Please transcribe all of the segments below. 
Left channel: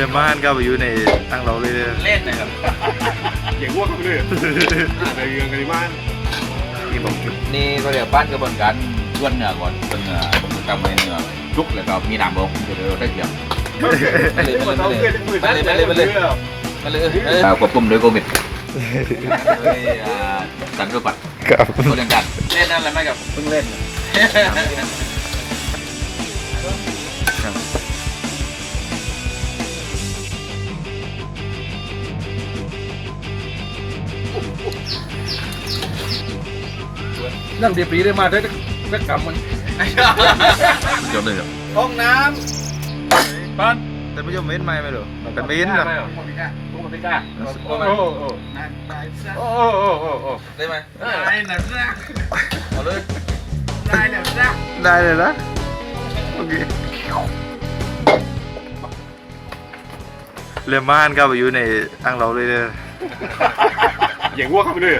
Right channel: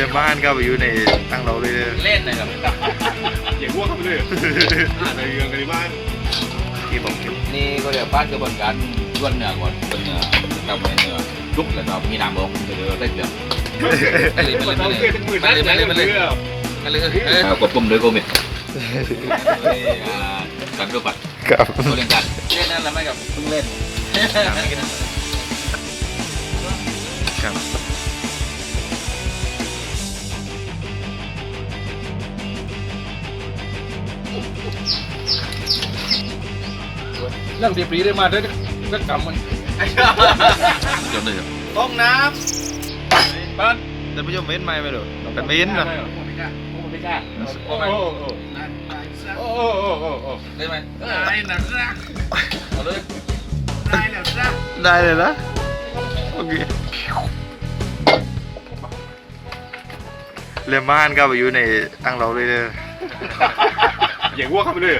รียมบ้านก็ไปอยู่ในตั้งเราเลยเด้อเล่นนะครับอย่างวัวเข้าไปเลยอ่าในเรืองในบ้านที่บอกเก็บนี่ก็เรียกบ้านกระบวนการล้วนเนื้อก่อนล้วนเนื้อทำให้เนื้อลุกแล้วก็มีน้ำบกเดี๋ยวได้เดี๋ยวมันต้องเกลือทั้งหมื่นนั่นไหนมันเรือก็เลยกดปุ่มเลยโควิดสันรูปัดครับตัวเล่นกันเล่นนั่นแหละไม่กับเพิ่งเล่นครับ นั่งดีปรีได้มาได้ก็กำมันจบเลยเหรอห้องน้บ้านแต่ผู้ชมเห็นไหมไม่รู้แต่ไม่เห็นหรอกพวกมันไม่กล้าพวกมันไม่กล้าโอ้โหโอ้โหโอ้โหโอ้โหได้ไหมได้หนักนะเอาเลยได้หนักนะได้เลยนะโอเคเรียมบ้านก็ไปอยู่ในตั้งเราเลยเด้อำอย่างวัวเข้าไปเลย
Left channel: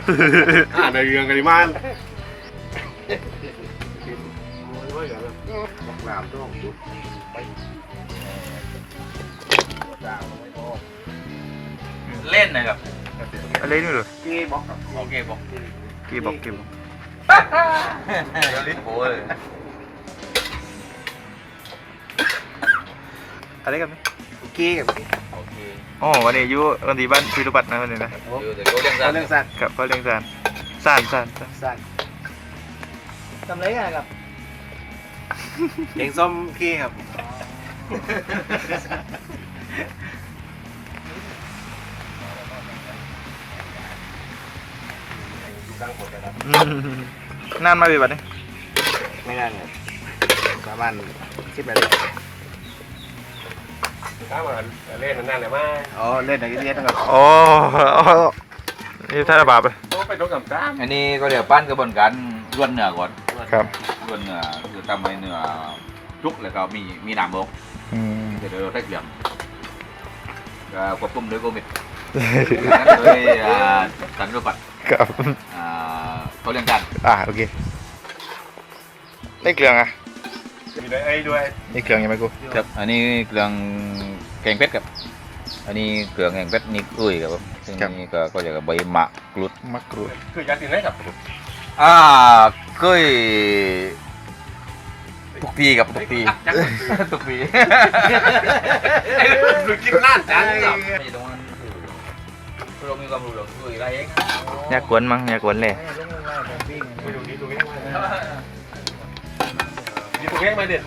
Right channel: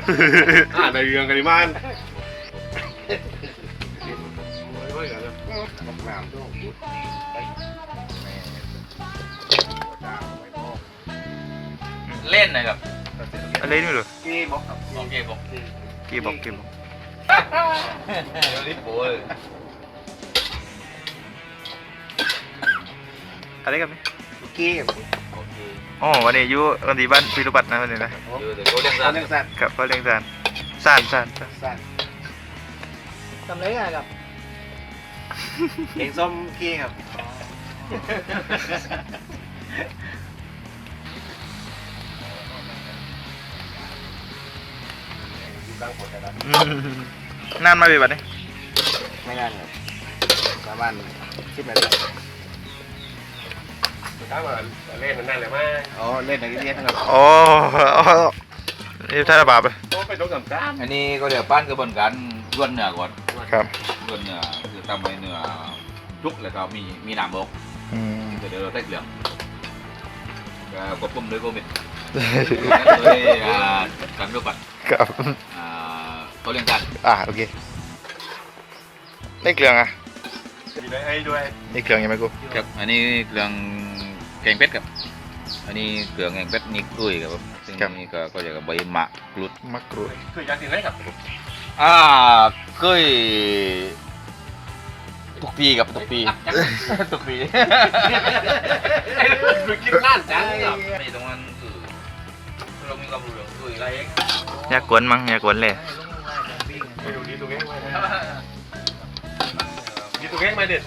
อ่าในเรืองในบ้านเล่นนะครับ อะไรนี่ไม่รู้โอเคบอกกี่บอกกี่บอกเดี๋ยวลิ้นโผล่เลยอะไรกันไหมกี้กับโอเคอ๋อวันนี้อยู่วันที่บ้านพิรุปัตนะวันนี้นะเดี๋ยวเดี๋ยวเรื่องเรื่สั้อนงสัตว์กับพ่อเลี้ยงสานสานสานสานสัตว์ทำไรกันครับเลี้ยงส้มกี้ครับอืมนานมาปีบัดนี้ไม่ได้เลยประมาณสิบนาที ถ้าว่าเล่นมันนั่นแหละมั้งอ๋อเล่นในเรียนนะครับอ๋ออ๋อนี่ท่าระบาปเลยต้องไปต้องกับจ้าอันนี้ก็เรียกบ้นกระบวนการล้วนเนื้อก่อนครับล้วนเนื้อคือทำให้เนื้อลุกแล้วก็มีมีน้ำบกเดี๋ยวเราได้เหลืองก็กดปุ่มเลยโควิดเลยสันรูปัดครับตัวเล่นกันอ่าโอเคได้เครื่องอะมีไอ้ด้วยได้เครื่องยังไหมกูครับอันนี้เครื่อง แกงเพชรครับ อันนี้เครื่องแกงเพชรนี่กุ้ยครับผมซึ่งนี่ก็ก็เรียกว่าใบมะกรูดมะกรูดคือยักษ์สินได้ครับอ่ากุ้ยทุกปีครับทุกปีทุกปีคือกินน่านจังครับไม่ตรงนั้นคือเรามีความรู้เรื่องกุ้ยอะไรเองอยากกวนมั้งอยากกวนเลยตรงนี้ตรงนี้นี่ตรงนี้ไม่เด็ด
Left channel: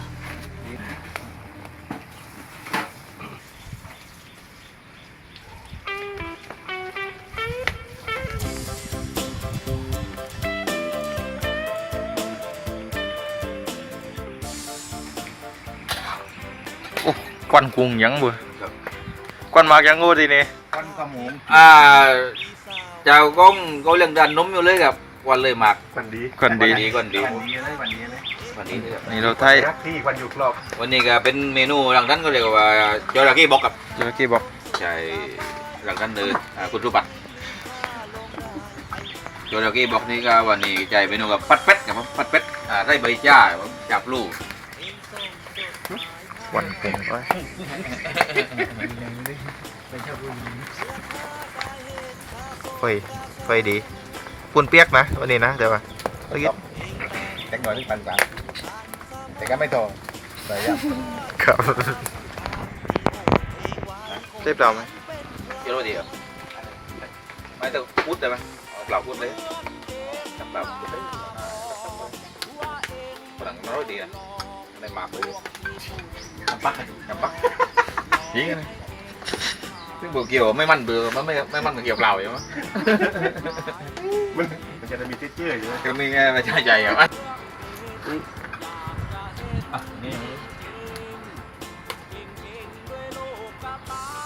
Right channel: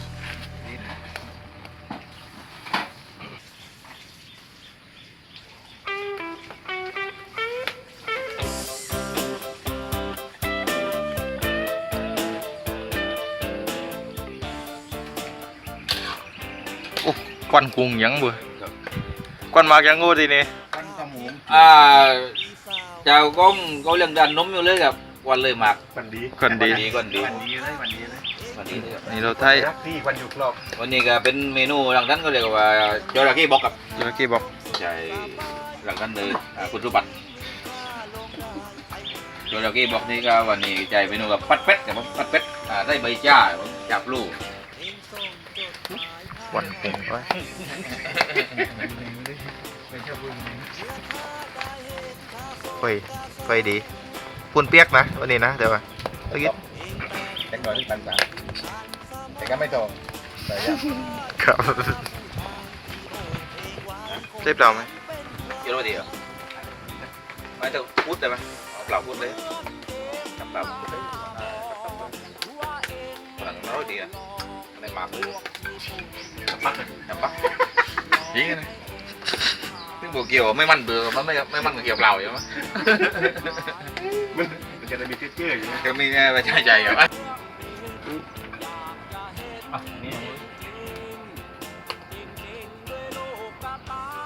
โอ้ควันกุ้งยังบ่ควันมากยังกูทีนี้อ่าเจ้าก้องเขาเลี้ยงดันนมอยู่เลยครับวันเลยหมากกันดีคนดีวันดีก่อนดีวันนี้เลยวันนี้เลยวันนี้เลยครับนี่เราไทยพี่วันอยู่ครอบวันนี้ก็เป็นเมนูหลังนั้นก็เรียกว่าจระเข้บอกกับเจ้ากี้บอกใช่หลังนั้นเลยอ่าคุณสุบัติจระเข้บอกนี่ก็วันนี้ใจเมนูกับปัดเป็ดกับปัดเป็ดอ่าได้ใบจ้าจับลูกค วันกุ้งไว้ไฟไฟดีปุ่นเปียกนะวันนี้นะแต่ว่าเมื่อกี้แต่ก่อนที่ปันปาแต่ก็ไม่ตรงใส่ยับครับเจ็บเราไหมเยอะดีอะไม่ต้องพูดได้ไหมเอาเปล่าพูดเลยจับเปล่าพูดเลยหลังน้อยดีอะในหมากเลยจับ ปักจับปักจริงนะซึ่งบอกเกี่ยวไม่มั่นเบื่อมันไม่ไม่มั่นเกี่ยวเปล่าอย่างมั้ยมันมันจะได้มีเจื้อๆอยู่นะก็มีแค่ไม่ใช่ใจอะนี่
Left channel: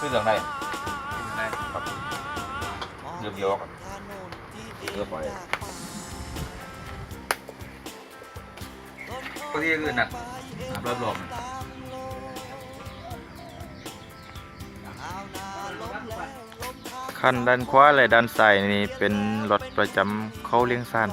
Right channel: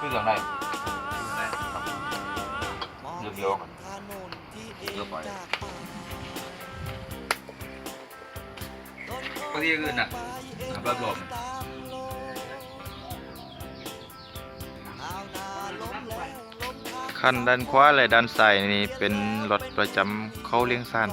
คือเรื่องไหนเรื่องเดียวกันเรื่องปล่อย ปกติอื่นน่ะอาบรับรองคันด้านขวาและด้านซ้ายนี่เป็นรถประจำเขาเลี้ยงสั้น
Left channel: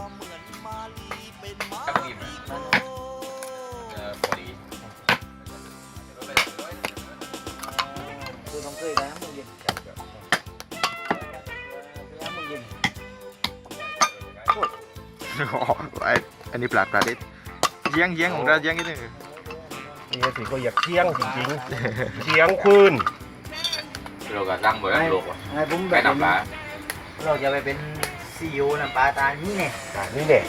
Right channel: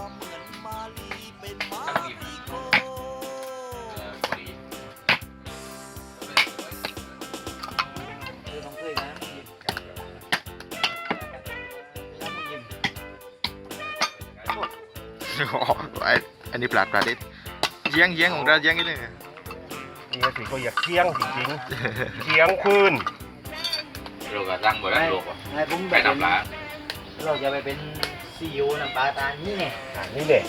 อันนี้ปลาปลาเดิ เยียงเยียงของเราเยียงนิดนึงนี่ก็ถือก็อยากเที่ยงจริงๆเที่ยงคืนเราก็ตั้งไว้แล้วลูกอะไอ้ผมแบไปบน้ำปลาเราจะไปเป็นซีอีโอน้ำปลาตานี่ไงอะนี่แหละ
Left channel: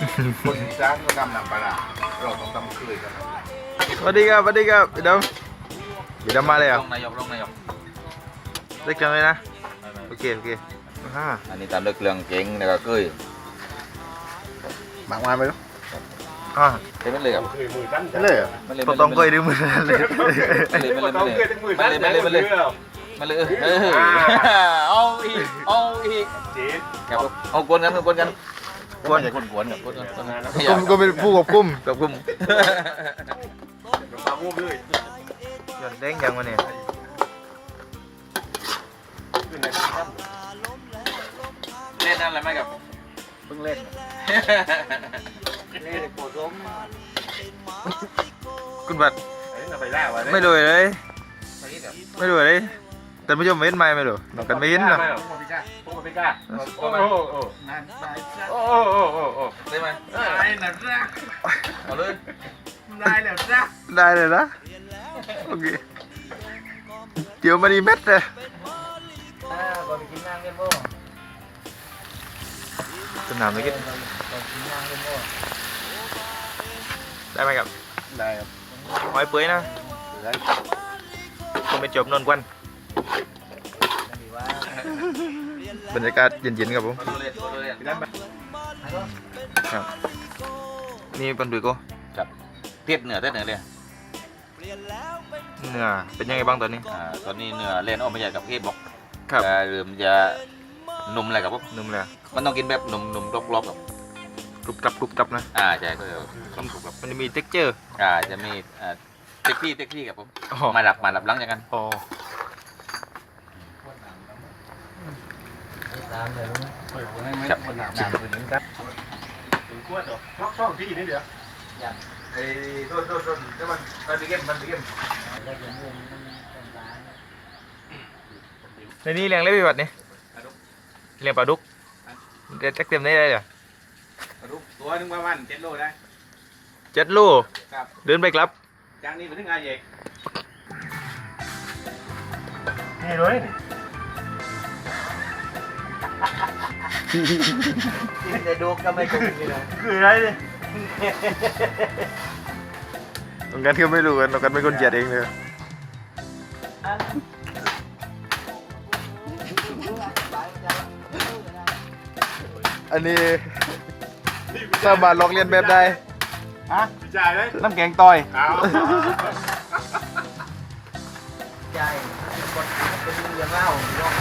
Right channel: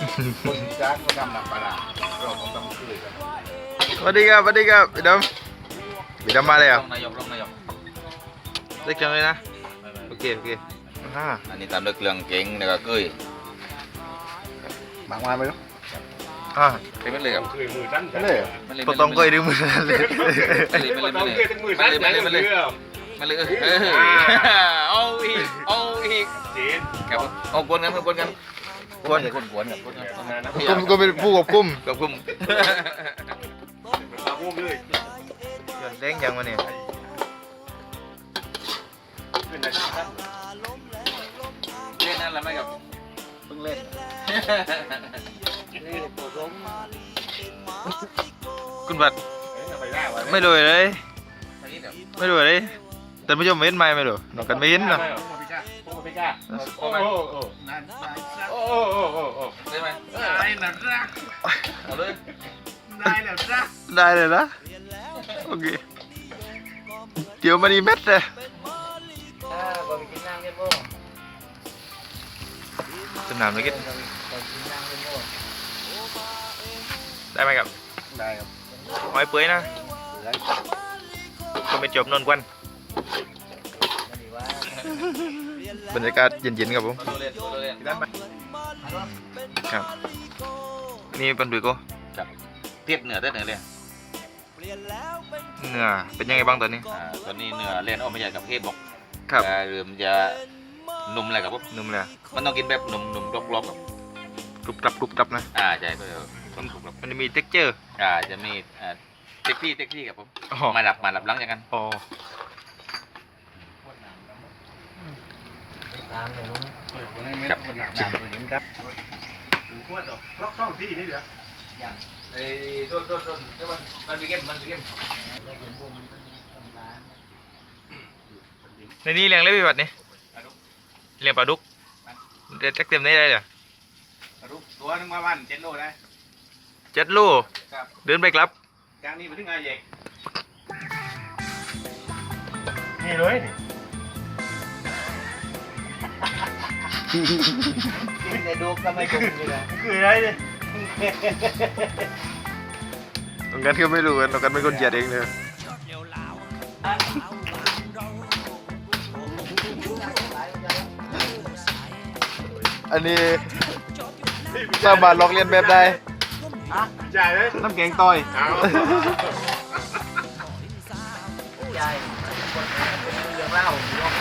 คนจ้างก็ทำน้ำปลาเราต้องทำช่วยกันสวัสดีครับสวัสดีครับพี่ดำพี่ดำมาเลยเหรอะนายกลงนายกเล็กจังเลยนะโอเคโอเคอ่าอันนี้ตามด้วยเครื่องเก่งแล้วก็เกยบางวันไปลูก อ่าใช่ไหมเลยครับคือมือสั้นไปเลยเหรอมันเลยก็ต้องเคยดูมือนั่นเลยมันเลยมันเลยต้องเกยถึงมือสั้นมันเลยมันเลยมันเลยเออเอาอีกเอาอีกจีนครับเอากวนกันเอากวนกันกวนไม่ใช่กวนกวนครับกวนกันทำงานนะกุมก็เป็นผู้ควบคุมกับกุมมาวุ้มเลยหย่อนแดงยังวะเนี่ยขึ้นเลยเล่นนั่นแหละไหมครับเพิ่งเล่นนี่โคตรมคุณบัตรไปแล้วไม่ดูเลย ไม่คิดเหรอไม่ดูเลยแต่ผู้ชมไม่เห็นไหมไม่ดูนอกกันไม่เห็นนะโอ้ไม่กล้าโอ้โอ้โอ้นั่นไปโอ้โอ้โอ้โอ้ได้ไหมได้แล้วจ้ะเอาเลยได้แล้วจ้ะได้เลยนะโอเคเดี๋ยวมันอีเม็ดเลยอ่าบริกินน้ำกันบ่สนามเลยกิ ได้ไหมครับได้ครับหอยเปื่อยนะก็ไม่จบนอนกวนไม่ดีว่าบรรยากาศเย็นๆครับผมตัวเล่นตัวเล่นครับนี่ปันดุยโก็เพียดเหนือได้เหนือเลยเนื้อเป็นยังไงบ้างตอนนี้อ่าตอนนี้เนื้อเล่นออกมาจากกับเทศบอกครับจะเริ่มจะนุ่มอะไรกับพวกนุ่มเลยอะมันต้องกินแบบนุ่มนุ่มกรอบกรอบๆครับ กรุบกรับกรุบกรับนะอ่าใช่ก็จะกรอบกรอบมันจะมีเท็กเจอร์ๆอ่าจะมีอ่าเต็กที่เต็กที่ครับผมอ๋อ มาหลับมาหลับหลังจากกันอ๋อน้ำเดี๋ยวนี้ครับน้ำเหมือนกันช่องที่นี่เดี๋ยวเอ้ยโทษโทษโทษมันมันเก็บมันเก็บได้เป็นวงต่างในนี้เลี้ยงเล็บพี่บัดนี่เลี้ยงปลาดุกเด็ดเต็มได้เลยเหรอ ตัวนึงประมาณเจ็ดโลได้เจ็ดโลครับเดินไปครับ จากนี้ไปถึงอาเยกนี่เลยนี่ๆกินแต่ดูก็ไม่คุ้มเลยนะคืออะไรเนี่ยตรงกันก็ไม่รู้กันตรงกันเป็นคนเจียดเองเลยอันนี้ สามารถลอกเลียนแบบได้จ่ายเลยน้ำแกงต่อยเอาใช่คนเป็นเรื่องเล่าลอง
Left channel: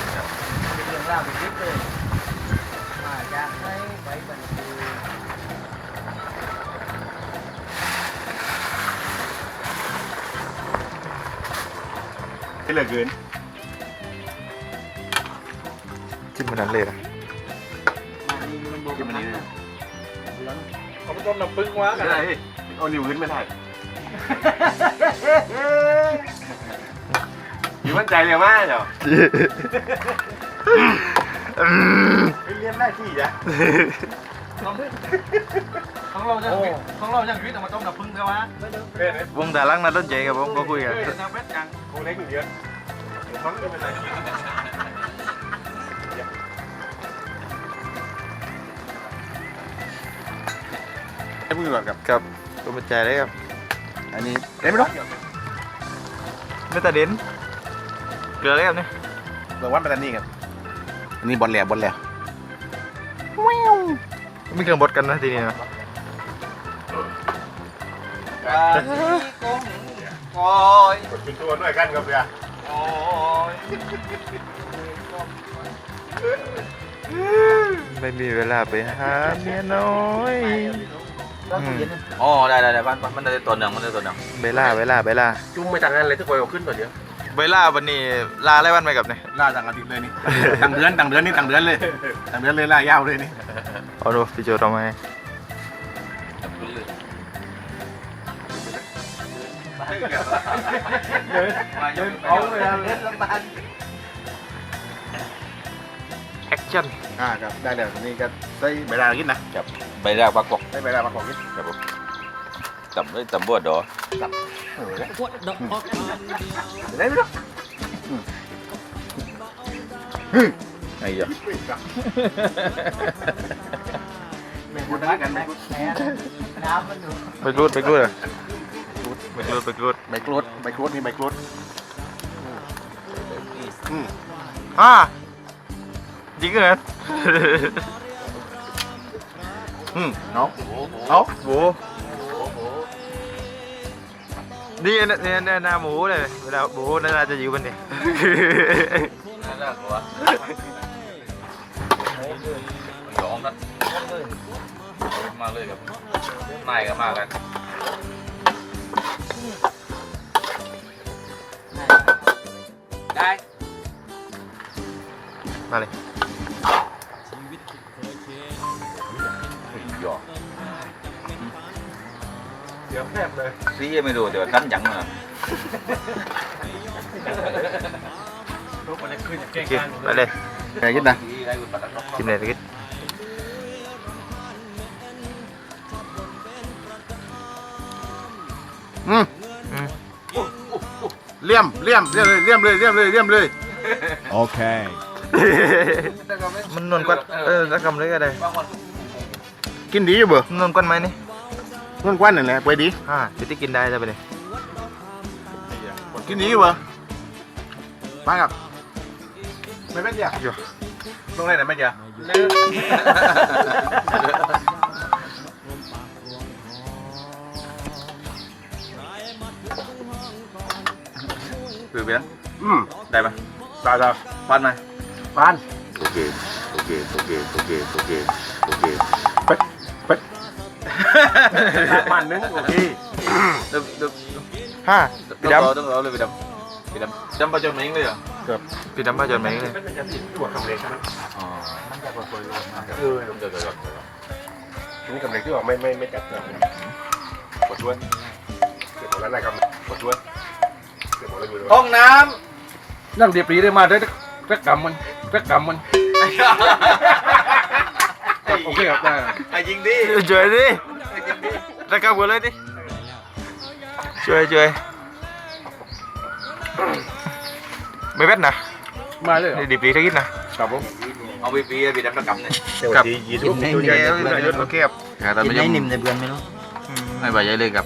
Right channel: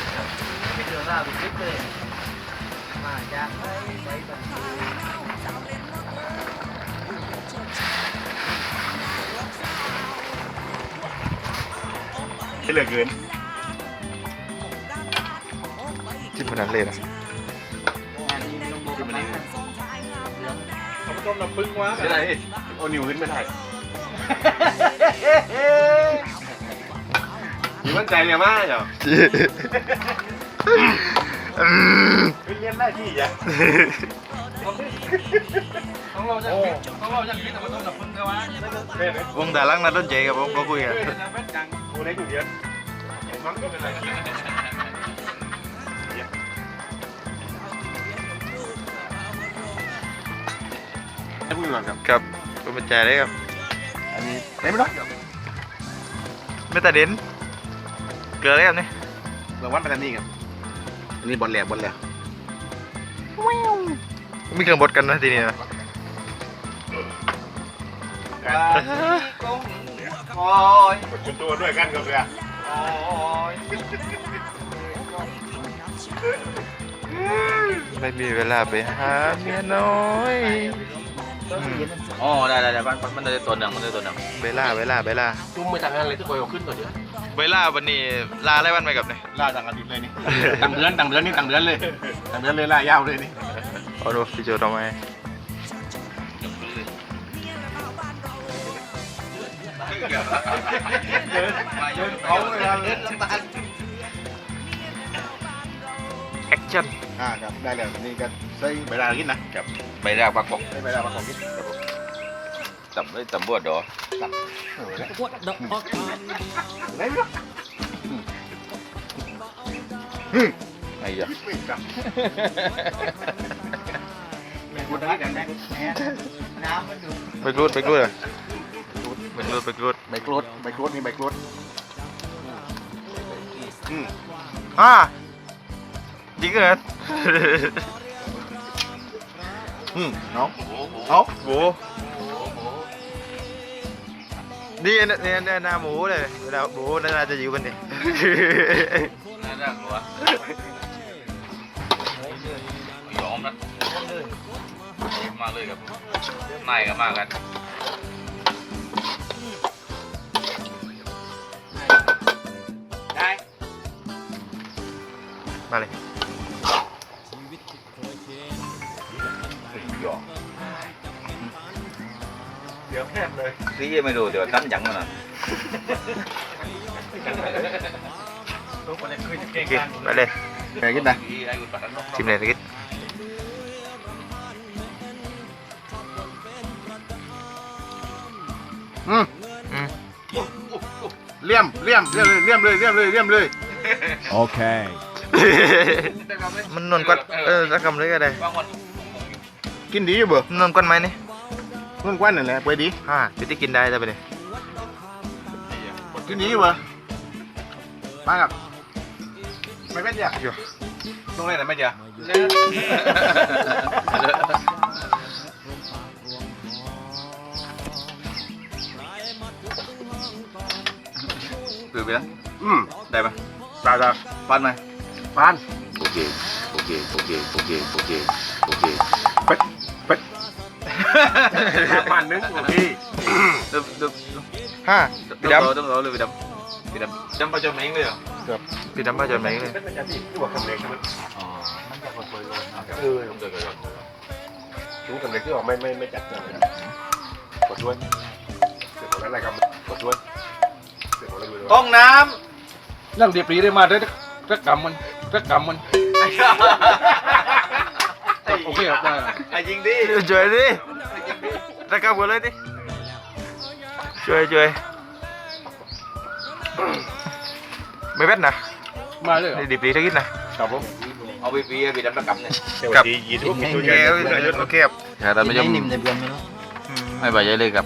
เป็นเรื่องเล่าทุกคลิปเลยมาจากไหนไปบันทึกเหลือเกินจิ้มขนาดเลยนะที่มันนี่เขาไป ต้มน้ำปึ้งวะกันเอานิ้วขึ้นไม่ได้มีมั่นใจเลยมากเหรอเรียนได้ที่อะของเราจะของเราจะคิดแต่มาต้องกับพึ่งกันวะวงแต่ลังนัดต้นใจครับผมก็คุยกันจะเป็นจังกูเล็กอยู่เดียว มันก็เป็นไรให้พึ่งก่อนครับครับก็เป็นใจได้ครับ อันนี้ได้ไหมน้องไม่ตัดเด่นเกลือเลยครับนี่เดี๋ยววันไปแล้วนี่ครับอันนี้บอลแหลบอลแหลบมีเครื่องบดกันนะทีนี้นะคอยกดจุดตัวด้วยกันกับเรือไม่มีเวลาไปหาเมียน้อย ก็คืออ๋อได้ได้ได้บ้านมันเลยตัวหนึ่งมันเลยตัวหนึ่งเวลาเวลาเวลาจุ่มไม่ต่างกันเลยทุกคนเอาขึ้นก่อนเดี๋ยวเวลาวันนี้ลาอะไรวันไปกับเนี่ยล่าต่างอาทิตย์เลยนี่ ต่างเดือนต่างเดือนนี่ต่างเดือนเลยต่างเดือนเลยล่ายาวเลยนี่เอาดูพี่โจทำไมเดินเอาเลยครับเล่นลำบาก แอคจันอ่าครับได้แล้วนี่ก็ใส่ใบลากินนะใบแรกปลากกใส่ใบลามาของกินต่ำเลยต่ำบวดดอเออแล้ว What the fuck ได้ไหมล่ะไอ้เหี้ยพูดได้กันไหมน้ำมันอยู่ไปรูดไปรูดอะไปรูดไปรูดใบกรูดใบกรูดนี่ใบกรูดอืมอ่า จริงเหรออืมน้องเอาโหนี่เนี่ยเนี่ยเนี่ยหน้าหมูเล หมูน่าจะอยู่บนนี่น่ากลัวยอมนะมาเลยครับนายก็มากันได้มาเลยยอมเดี๋ยวแคบเลยพี่ไม่รู้เดี๋ยวตั้นยังมาโอเคไปเลยไงกินนะชิมเลยสักนิดอืมอืมเลี่ยมเลี่ยมเลี่ยมเลยเลี่ยมเลยเลี่ยมเลยเลี่ยมเลย Okay. มันนวลกว่าเออสักคำเลยก็ได้ กินดีอยู่เบ่นวลกว่าไหมนี่เพื่อนกว้านนั่นแหละไปดีฮ่าพี่ที่กินได้จะไปเลยกินดีอยู่เบ่มาครับไม่เป็นยาอยู่ตรงไหนนะไม่ยาคือเบี้ยอืมได้ไหมตายตายฟันไหมปานโอเคโอเคโอเคโอเคโอเคโอเคเป็ดเป็ดน้ำ มันนึงโอเคดึบดึบฮ่าพี่ดต้องรอเลยพี่ดำพี่ดำดำประจำเองเลยเหรอำพี่ดำมาจนไหมเลยตัวคำเล็กนะอ๋อคือรู้คำเล็กที่ออกไม่ไม่ไม่จัดเนี่ยกดด้วยเก็บของนั้นอะไรครับกดด้วยเก็บของอะไรอยู่ด้วยห้องน้นั่งเดียบรีได้มาได้รักกรรมมันรักกรรมมัน ครับโอเคครับได้ำไอ้ยิงดิช่วยดิตะกับกันเลยดิช่วยช่วยไม่เวทนะมาเลยเหรอนี่ดิบดีทักนิดนะครับผมเอาไปปีพี่ดำประกำเนี่ยกับกินให้โอเคนิ่มโอเคครับกินให้นิ่มในเบือนไหมเนาะอืมไม่ไปเยอะเลยครับ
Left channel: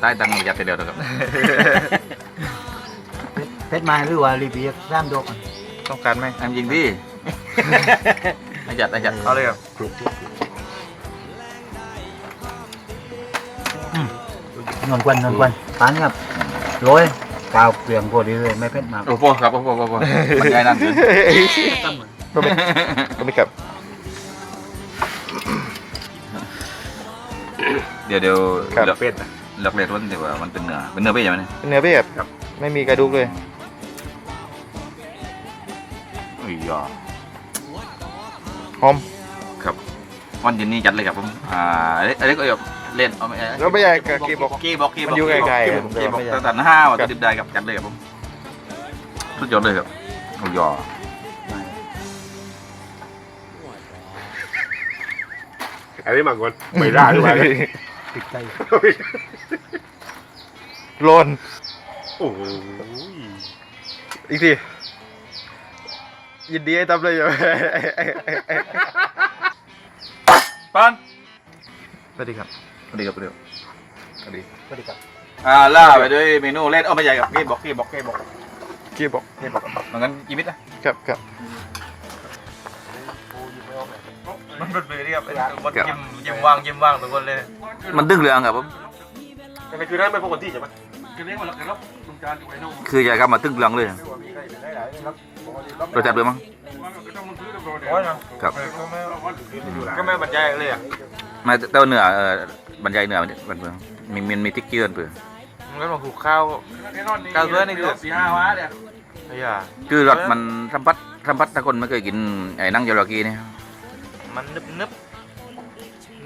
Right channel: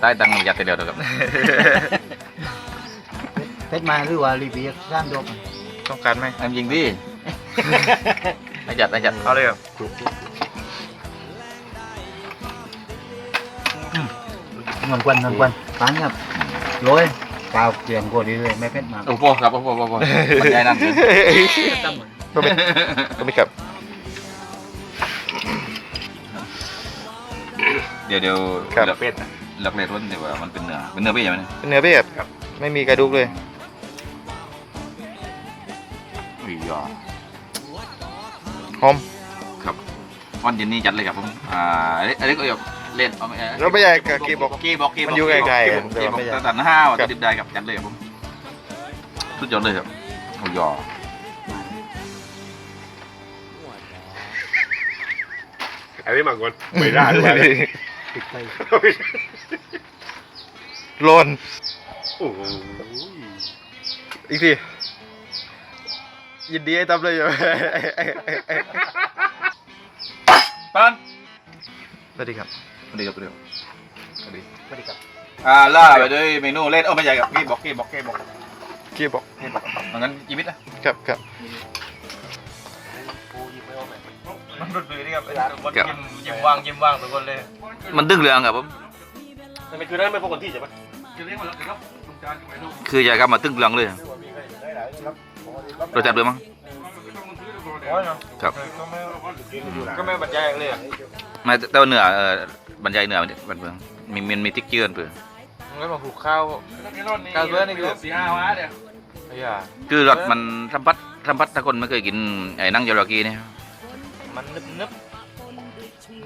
ใต้ตังยัดเดียวครับเพชรมาหรือว่ารีบีร่ามดกต้องการไหมไอ้ยิงดิ ไอ้ยัดไอ้ยัดเอาเลยครับนอนกวนนอนกวนปานครับโรยเปล่าเปลี่ยนพอดีเลยไม่เพชรมาโอ้โหครับโอ้โหโอ้โหมันใหญ่นั่นเลยก็ไม่ก็ไม่ครับเดี๋ยวเดี๋ยวครับ หลักหลักเลทมันเดี๋ยวว่ามันเป็นเนื้อเป็นเนื้อเปี้ยใช่ไหมเนี่ยเป็นเนื้อเปียบไม่มีกระดูกเลยอุ้ยยอ หอมครับวันเย็นนี้จัดเลยครับผมอ่าอันนี้ก็แบบเล่นเอาไม่แล้วไม่ใหญ่กับกีบอกกีบอกกีมันอยู่ไกลๆกันแต่กีว่าบอกไม่ใหญ่ตั้งแต่ห้าวันดิบได้ครับจัดเลยครับผมสุดยอดเลยครับโอ้ยยออันนี้มาก่อนไม่ได้ด้วยติดใจโลนโอ้โหอีกที ยินดีให้ทำเลยอยู่ปันสวัสดีครับสวัสดีครับสวัสดีครับสวัสดีสวัสดีครับอ่าล่าไปด้วยเมนูเล่นเออไม่ใหญ่ครับกีบอกกีบอกกีบอกกีบอกกีบอกงั้นยีมิดนะครับครับมันเป็นแบบนี้ครับคนยิ้มยิ้มว่างยิ้มว่างทุกคนเลย มันดึงเรืองครับผมแต่คือได้ไม่พอคนที่ใช่ไหมคือจะกลับมาตึ้งเรืองเลย รสจัดเลยมั้งครับ ก็ไม่ก็ไม่บรรยายเลยอะไม่แต่ว่าเนื้อเออบรรยายเนื้อมันมันเพื่อมีมันมีติ๊กเกอร์เพื่อมันก็มาผูกข้าวข้าวเบื่อนี่คือไอ้ยาคือรสมันสัมผัสสัมผัสถ้าคนไม่เคยกินไอ้นั่งยาลากีเนี่ยมันนึบนึบ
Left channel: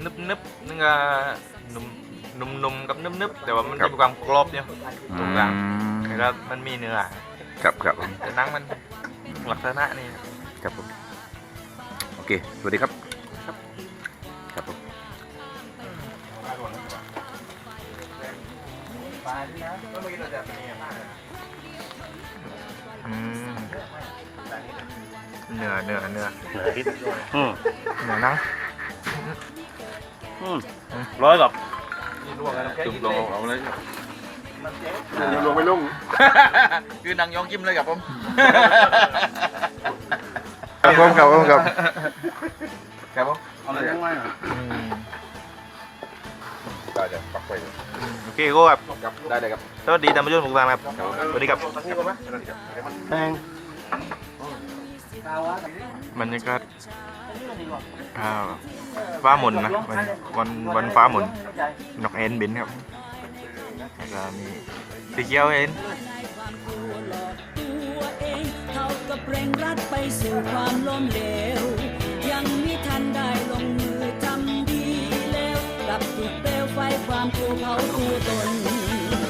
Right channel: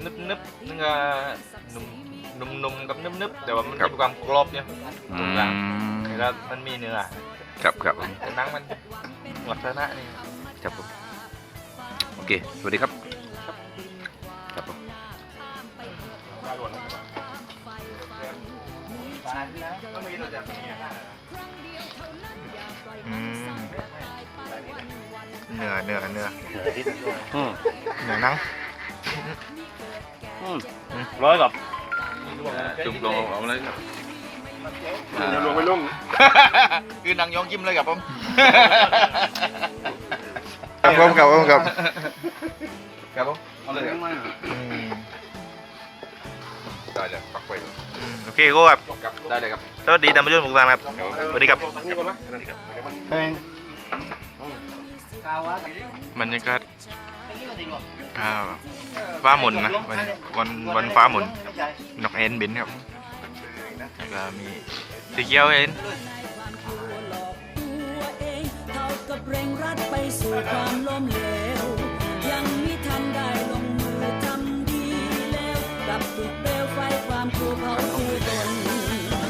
นึบนึบนึกว่านุ่มนุ่มนุ่มกับนึบนึบแต่ว่ามันมีความกรอบเนี่ยอืตรงกลางมแล้วมันมีเนื้อ ครับครับผมแต่หนังมันลักษณะนี่ครับผมเค สวัสดีครับ ครับผมอืมเนื้อเนื้อเนื้ออืมเนื้อหนังอืมร้อยกับจุ่มลงเอาเลย ยังลงไม่ลุ่มคือนางยองยิ้มเลยครับผมครับผมครับผมครับครับผมเอาเลยทั้งไม้หน่อยอืมได้เลยปักไปเลยอืมโอเคก็ครับได้เลยครับสวัสดีท่านผู้ชมทุกท่านครับสวัสดีครับแพงบรรยากาศอ่าฟ้าหมุนนะวันวันวันฟ้าหมุนนกเอ็นบินครับ แล้วก็มีสีเขียวเอ็นยังไม่ทันได้ลงมือทำดีแล้วกลับถูกเปลวไฟความกลัวเผาตัวตน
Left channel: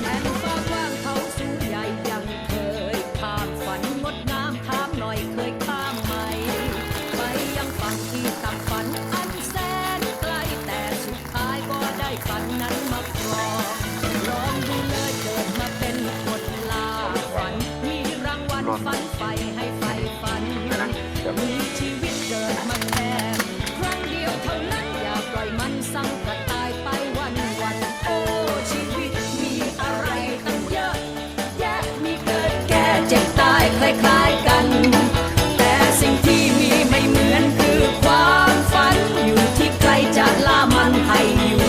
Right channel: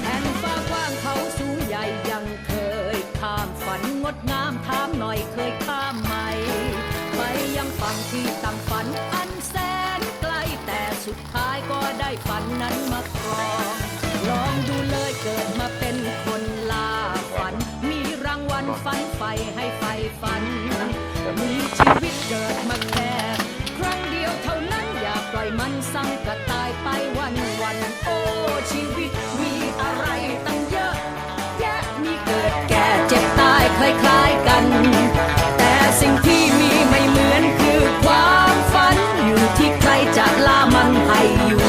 แผ่นฟ้ากว้างเขาสูงใหญ่ยังเคยข้ามฝันงดงามถามหน่อยเคยข้ามไหม ไปยังฝั่งที่ต่างฝันอันแสนไกลแต่สุดท้ายก็ได้ฝันนั้นมาครอง ลองดูเลยเกิดมาเป็นคนลาฝัน มีรางวัลฝันไฟให้ไฟฝัน มีชีวิตเกิดมาแค่ครั้งเดียวเท่านั้นอย่าปล่อยมันสั่งกระตายไปวันวันๆโอ้ชีวิตมีอะไรตั้งเยอะ แยะมีเกิดแก่เจ็บตายคล้ายๆกัน แต่สิ่งที่มีไม่เหมือนคือความฝันอยู่ที่ใครจะล่ามันให้อยู่